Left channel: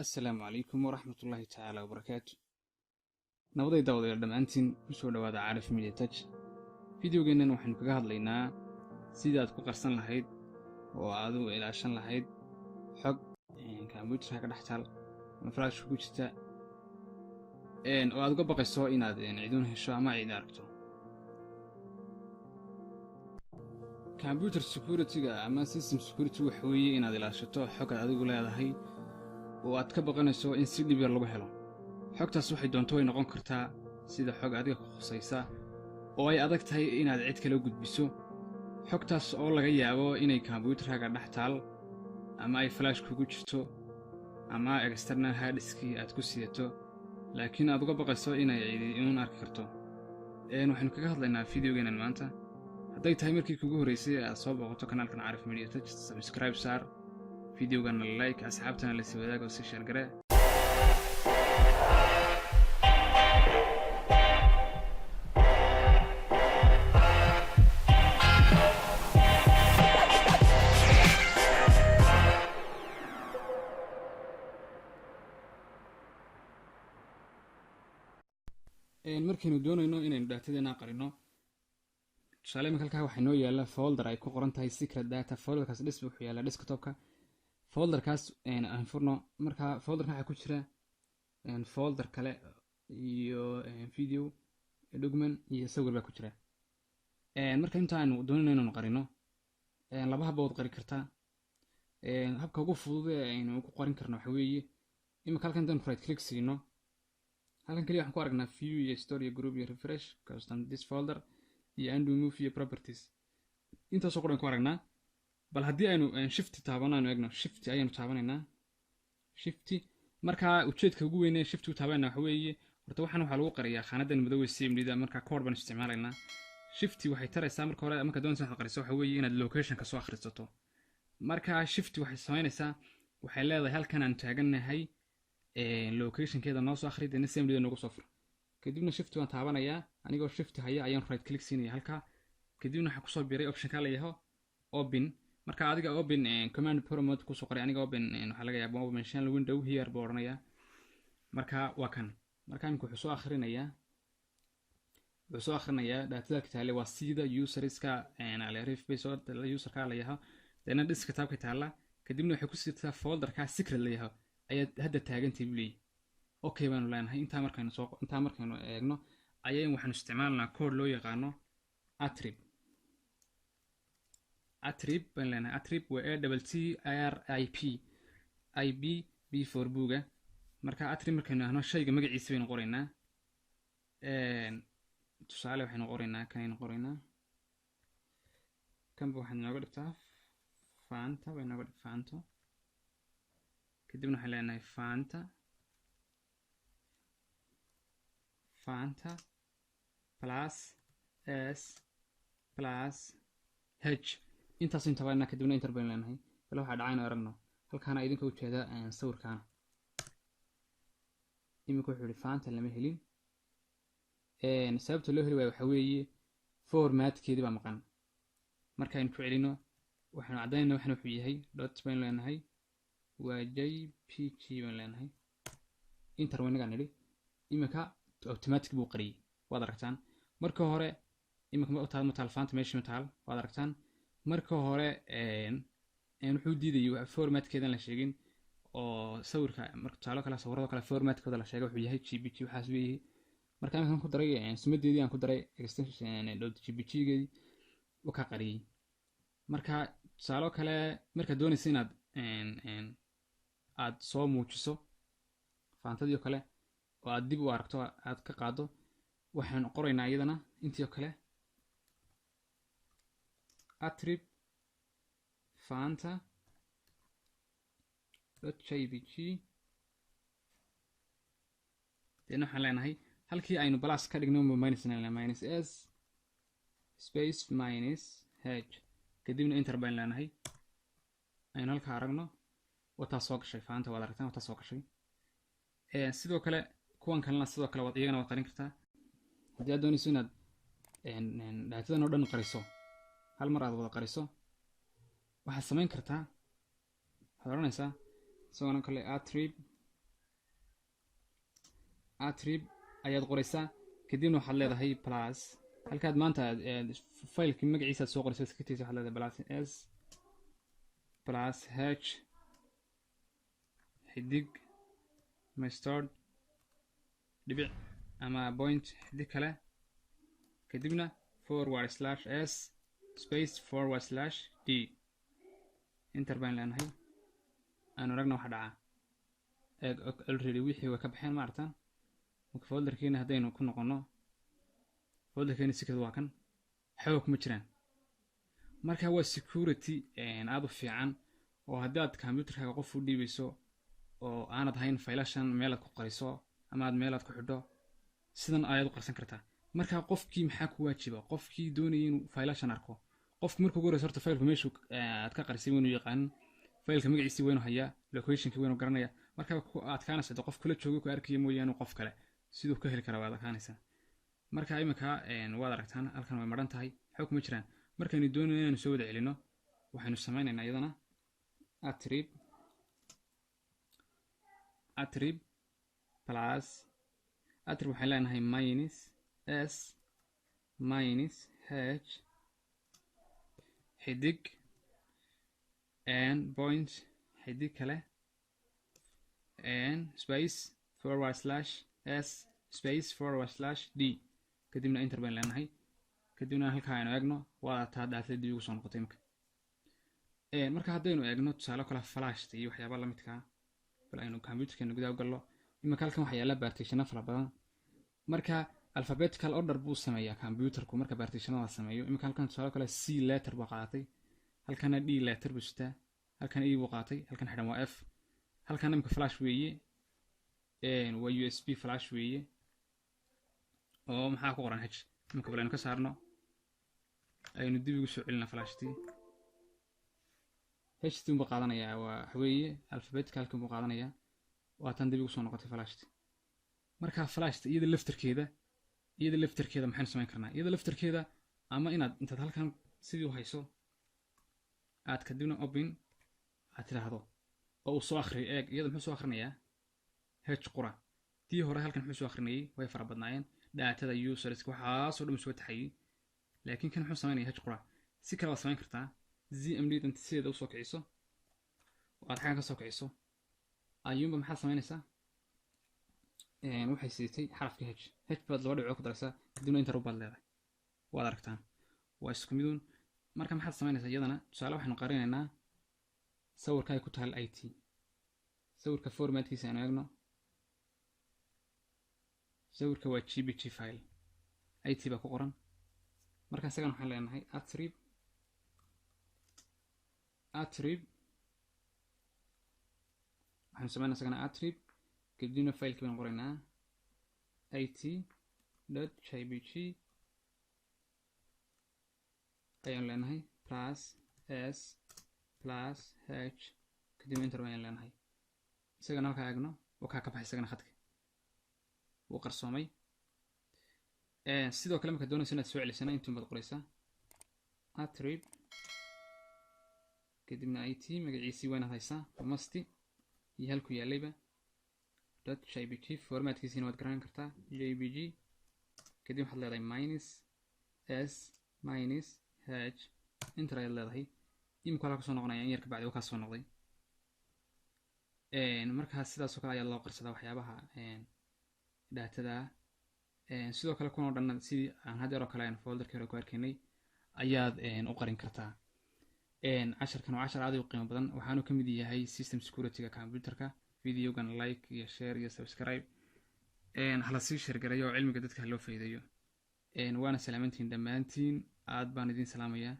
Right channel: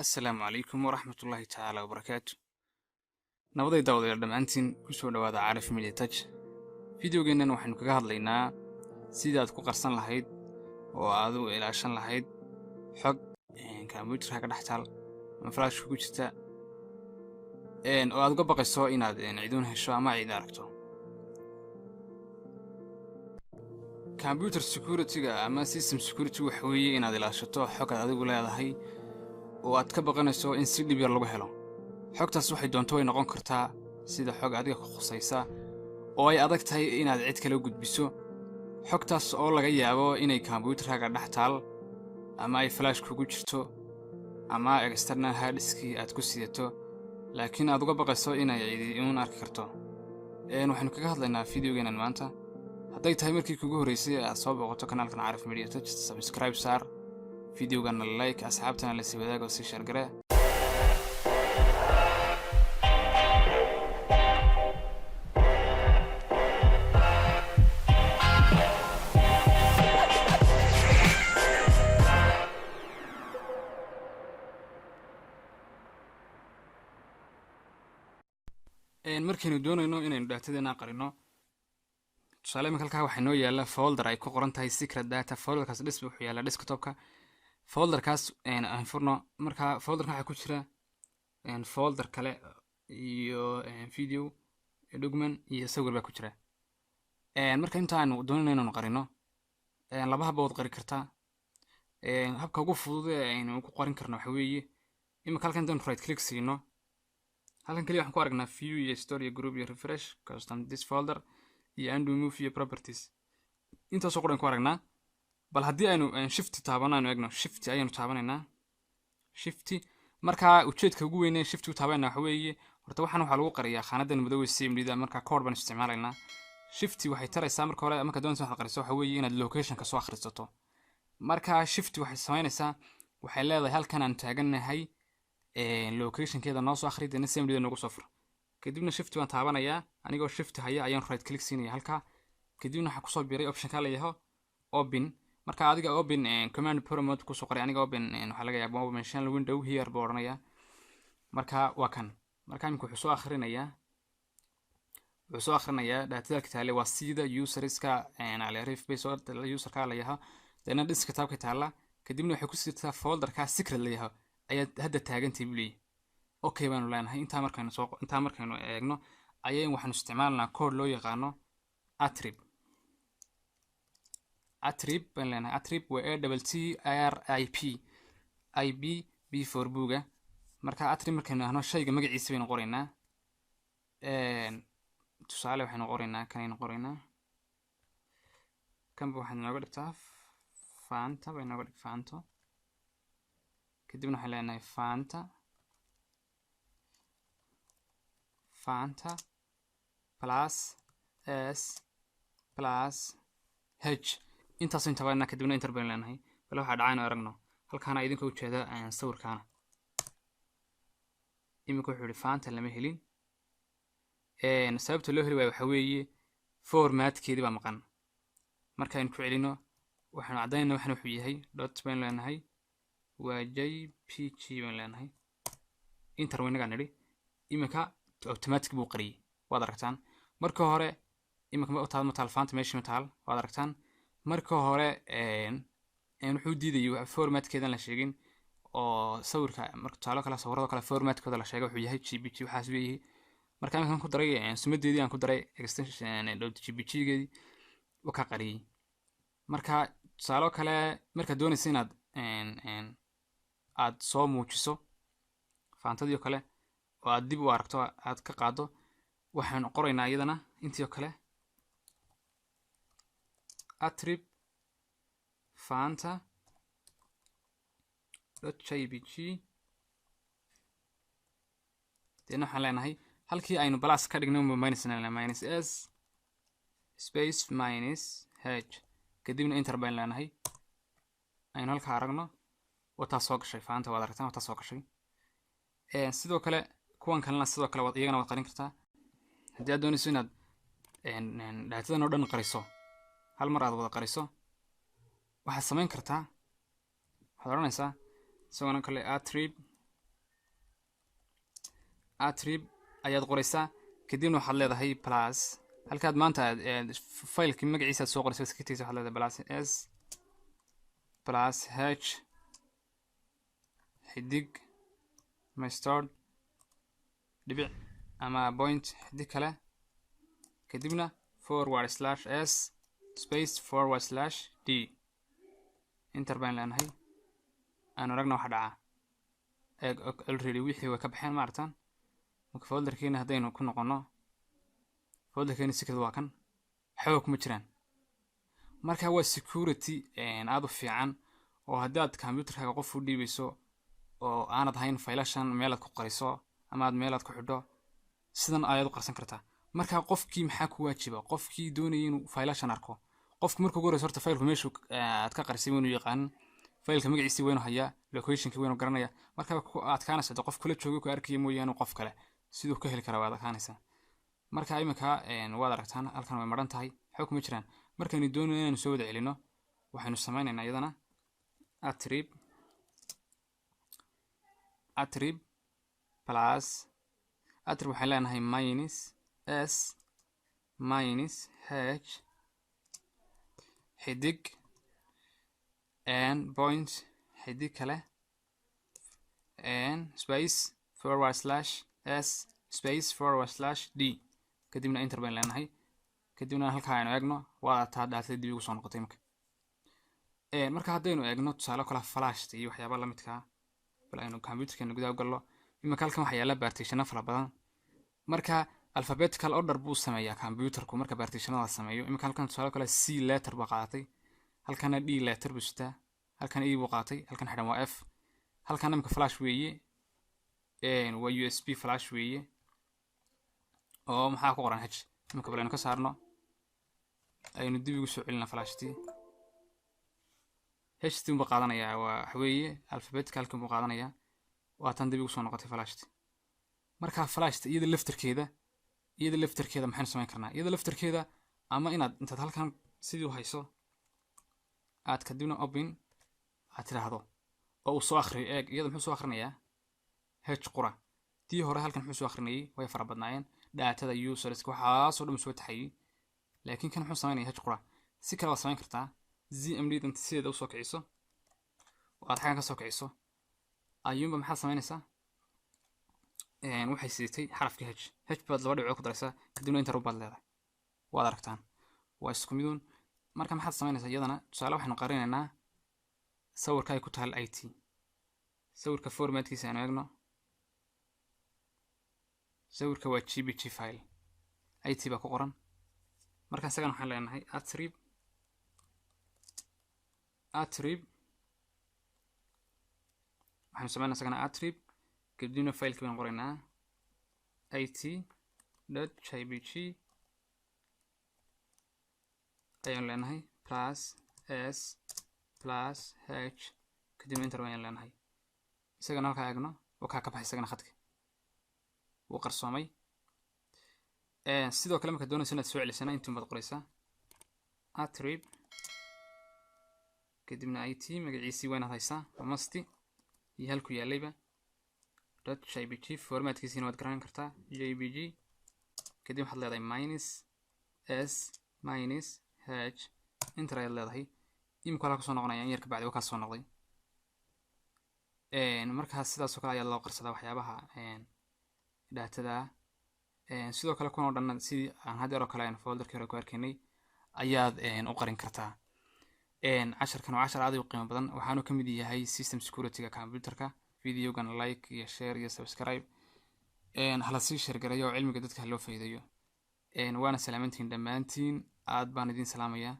السلام عليكم ورحمة الله تعالى وبركاته. نبضي داود يا دمانتين كسو دوادا عارف ميدي تاج فيديوغينن waxaynu kaga hadlaynaa sida aad ku qarsan lahayd oo aad u ilaashan lahayd xog computer ka dhaxtal ama flash ku jirta oo aad uga baqayso inaad ciidun hesho ama ciid aragto. Computer security-ga ama system security waxa weeye inaad ilaashato xog aad adigu leedahay oo aad ka baqanayso in si dhib yar lagu helo. xogtaas waxay doonto way noqon kartaa sida xog adiga ku khusaysa oo ay adag tahay inaad cid kale u gudbiso. xogtaas oo laga yaabo inay computer-ka dhaxtal ama ay flash kugu jirto ama external hard disk aad ku sidato laakiin aad uga baqayso inay ciidun arki karto. waxaynu kaga hadlaynaa video-geenan maanta. hadday tahay markii kugu horeysay aad soo booqato kanaalkan Arif Media Tech, subscribe saar, video-gana like, asxaabtana la sii wadaago si share gare. markaynu doonayno inaynu datadeena qarino tusaale halkaa waxaa noo yaala folder ay ku qoran tahay secret data. folderkaas wuxuu yaala desktopka. folderkaas aan furno marka folderka waxa ku jira folder kale iyo video document iyo sawir baa ku jira. marka intaanu doonayno inaynu qarino laba hab oo qari kartaa. habka ugu fudud ee aynu ku qorin karno waxa weeye imika halkan intaan right click siino halkan kaliya waxaan ku aragnaa view iyo story group iyo refresh custom this folder iyo undo move iyo properties. intaas oo qoran ku aragnaa. bal haddii aynu shift taabanayno eegno shift ayaynu taabanaynaa. shift marka ujeedka ugu weyn ee shift u taabanayna waxa weeye horta waxaan waxa lagu qariyaa khaanadan madow ee CMD-da marka code baan isticmaalaynaa. shift waxay taraysaa marka hore marka doonayso wax qariso waxa weeye inaad location ka soo akhrisato. marka shift waxay sameynaysaa waxay leedahay halkan aan taaganahay location-keeda noo soo akhriidana CMD-da noogu soo fur. kadibna shift waan taabanayaa anigoo shift haya ayaan right click siinaya halka kadibna waxa ku soo biiray option ka la yaho open. marka adiga open command prompt ku soo qoray aniga open waxa laga yaabaa open shell window here buu oranaya. marka waa kan marka iminku wuxuu soo akhrinayaa data taale waa sida user-ka Arif base user-ka la yaho dana desktop-ka taala kadibna waxay ku sitaa folder-ka secret la yaho ayaad hadda taagantii bilay. okay baanu leenahay inta markaynu eegno ayaan waxaan isticmaalnaa code loo yaqaano attrib baan leenahay. attrib waa ATTRIP b4 buuga. marka attrib markaynu ahno shayga magaciisa baynu qoraynaa. tusaale waxaynu qoraynaa kan waxaan nooga dhigtaa fanta baynu nooga dhig fanto kadibna waxaan leenahay fanta plus s plus h intaas inta baana kadibna enter baan leenahay. bal waxa dhacayna aragno halkaana idinka u jeeda sawirkaana imika wuxuu fanta lama helin. sababta loo heli waayo waxa weeye formatkeedii baa maqan. marka aynu ku celino waxaan cadaynaynaa waxaan wuxuu yahay dot baan leenahay waa jpg baan leenahay enter waynaga nidhi imika automatic buu qariyay waad aragtaan. marka hore imika ma taal fanta meesha ma taal waad aragtaan. marka hore wuxuu diiday formatkeedan la sheegin oo sawirka marka taalo kala sawirada kala formatkooda la sheegay wuxuu yahay jpg waxaas weeyay. marka aan ku daray sumadeedii aan ku daray extension .jpg-geedii oo ka qariyay. marka taalo kale marka doonaysa inaad aad soo muujiso fantadii kale oo aad dib u aragto aad ka qaado waxaan qoraynaa iyadana intii kale attrib fanta .jpg deena waxaan leenahay halkii aynu plus ka dhigno minus s space minus h kadibna enter baan leenahay aynu halka aragno wata soo gashay fanta waad aragtaan wata soo gashay. sidoo kale kuwan kalena sidoo kale iyagana waad qarin kartaa haddii aad doonayso inaad datadan oo dhan qariso hal mar aad wada qariso waxaad samayn kartaa waxaad oranaysaa isagoo kale attrib attrib ayaad qoraysaa kadibna waxaad leedahay plus halkaad maanta faylkii magaciisa soo qoraysa iskatiisa waxaad leedahay plus s plus h xidig mustard dhibic ama point xidig kale kadibna /s space /d enter baan leenahay aan aragna waxa dhaca already wixii way ka baxeen ma aragtaan marka folderkeena haddaynu ku noqono folderkeena secret waa kan xoog kuma jiraan marka waa security aad u fiican oo haddaad computerkaaga qof u dhiibayso oo aanad ahayn faylashan meelaad ku qariso ama aad meelaad ku xidho sidan ayaad u qarsan kartaa marka qofkii maxaa ku waajiba qofkii doonaya inuu faylashan arko qofku markuu ugu horeyso horta faylku meeshu aad ka qarisay inuu yaqaan faylka magaciisa waynu hayaa locationka waynu garanaya marka ku adkaanaysa qof kula joogo ku arkay mooyaan qof kale sidoo ka heli kara waad adkaanaysa marka imika waad aragtaan halkan way maran tahay xoog kuma jiraan markaynu doonayno inaan soo wada celino waxaynu sameynaynaa iyadana attrib plus attrib waxaan leenahay minus s minus h xidig point xidig kale space /s space /d kadibna enter baan leenahay kadibna halkaa aynu eegno waa taa dhaatay dib ugu soo noqotay marka haddaynu eegno tusaale kale flashta iyo waxyaaba la midka bal aynu computerkeena gudaha u gallo imika halkan waxaa yaala partitiono fara badan marka alphabetical order buu sameeyaa computerku marka partitionada sameeyo imika halkan tusaale kale c letter baa qaadatay halkana d letter buu sitaa halkan e buu qaatay halkan xidhan waa f halkan imika flash weeye waa usb flash weeye oo maxaa ku qoran h imika bal aynu ka saarno aynu dib ugu soo celina flashtii HT buu qaadanayaa waa weeye alphabeticalka buu qaadanayaa waa tan dib ugu soo noqotay flashta marka flashta iyada laftarkeeda maxaan sameyn karnaa iyada laftarkeeda ama inaad intaad halkan sidii u hayso aad kadibna open aad tiraahdo oo uu soo akhriyo eeg iyada muxuu soo akhrinayaa h qura tii hore halkan muxuu soo akhrinayay way fara badnaayeen daatada users waxaasoo dhan soo taxayay laakiin kan muxuu sameynaya h qura si kale waad sameyn kartaa ZMD inta sideeda u soo kiciso oo aad xagan ka soo kiciso ayuunba maxaa sameynaysaa waxay siitay xarafka h baad laba dhibcood ku daraysaa kadibna inta rubaad leedahay waad aragtaan waa isku miduun marka maxaad sameynaysaa iyadana tusaale waxaanu qarinaynaa sawirka ay ku taal IT sawirka formatkiisa aanu eegno sawirka waa GPG file IT baa ku qoran marka isagan waxaan leenahay attrib waxaan sameynaa isagana attrib kadibna faylkii baan qoraynaa it.jpg ayaan leenahay plus s plus h kadibna enter baan leenahay isagana halkaa eegno oo kaa ka baxay isagana khadka wuu qarsoomay sidoo kale marka doonaysa inaad soo celisana intuu baad qoraysaa attrib kadibna it magaciisii waynaad haysaa masti iyo halku yaalayba .jpg formatkiisina waad garan kartaa jpg kadib waxaad leedahay minus s minus h enter ayaad leedahay imika halka soo noqonaya in yar ka bacdi waa kaa soo noqday markaas sidaas oo kale ayaa loo qarsadaa waxyaabaha daatada sidoo kale kuwan oo dhan sidii aan haddeer oo kale aan folderkii hore ku arkaynay ayaad u qarin kartaa casharkan waa cashar aad u qiimo badan waxaanu ka mid yahay system security-ga computerka videogan like iyo share iyo subscribe hala sii sheergarayo oo cilmiga dadka loo faa'iideeyo waana salaamantiin dhammaantiin aad baan idin salaamayaa